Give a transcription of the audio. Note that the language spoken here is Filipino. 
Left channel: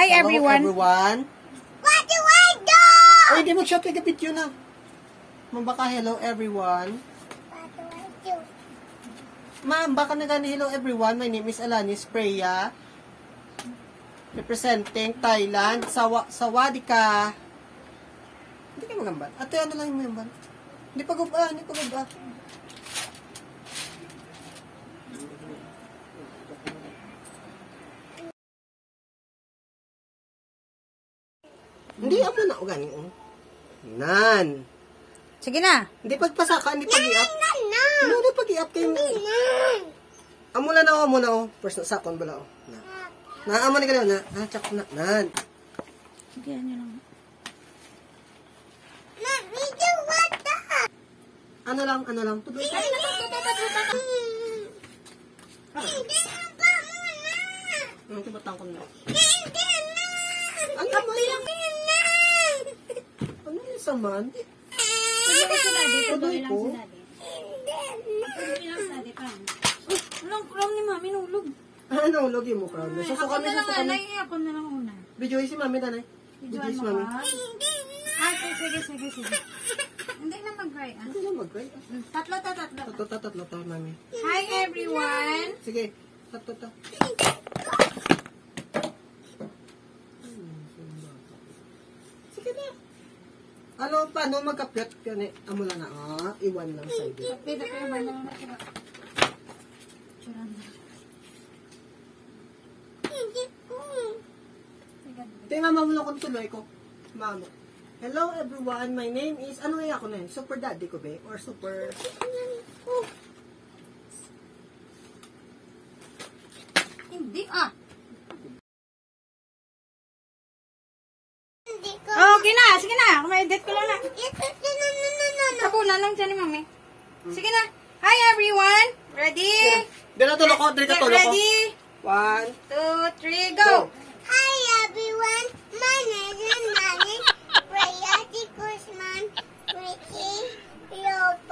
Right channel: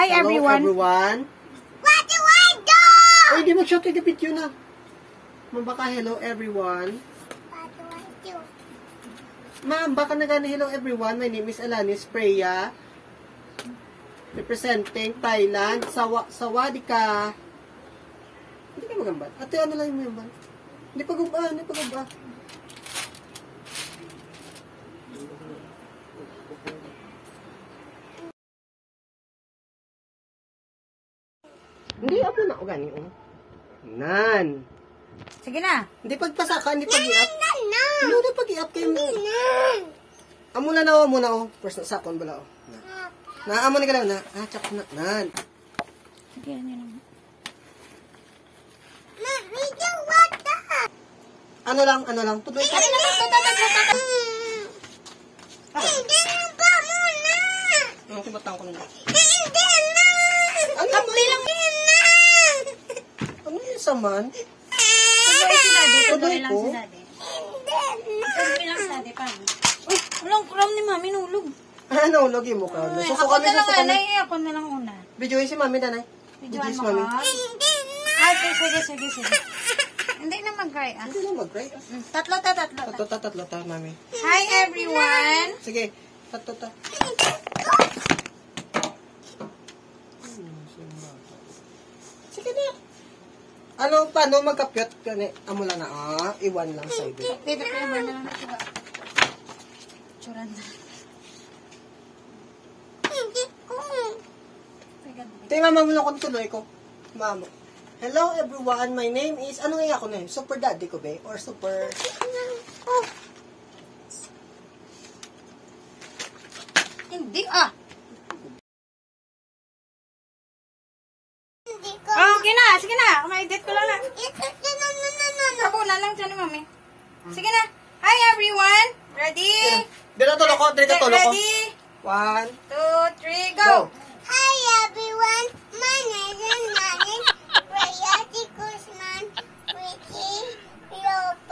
Hi everyone. What do I do? Ay, di mag-shot ka video na. Baka hello everyone. What do I do? Ma'am, baka na gani hello everyone. My name is Alanis Preya. Representing Thailand. Sawadika. Hindi ka magamban. Ate, ano lang yung magamban? Hindi pa gumba. Hindi, ako na. O, gani. Nan. Sige na. Hindi pagpasaka, hindi pag-i-up. No. Hindi pag-i-up kayo. No. Amo na na, amo na. First na sakon bala. Amo na galaw na. Tsak na. Nan. Sige, ano lang. Mommy, do what the? Ano lang. Tuloy ka. Hindi na ba muna? Ang timatang ko na. Hindi na. Ano lang? Hindi na. Ano yung saman? Tuloy si daddy. Tuloy lang ko? si daddy. Hindi na. Tuloy lang si daddy. Paano? Uy, walang ni mami nulog. Naulog yung mukha. Susuka Ako na lang, kami. anay. Ako na lang una. Videoin si mami, nanay. Videoan si mo mami. ka. Hindi na. Ay, sige. Hindi na mag-cry ah. Hindi na mag-cry. Tatlo. Tatlo ta, mami. Hi everyone. Sige. Tatlo. Sige na. Ano, paano magkapyot? Amo lang na, iwan lang sa ibe. Dito ko naman na lang na siya. Churanda. Hindi ko. Tingnan mo lang kung tuloy ko. Mama. Hello everyone, my name is, ano nga ako na yun? Super daddy ko ba? Or super... Oh. Hindi ah. Hindi ko. Oh, okay na. Sige na. Umedit ko lang na. No. Kapulan lang siya ni mami. Sige na. Hi everyone. Ready? Dito tulo ko, dito tulo ko. Ready? 1, 2, 3, go. go! Hi everyone, my name is Nani. Priya Kusman, Ricky, Lopez.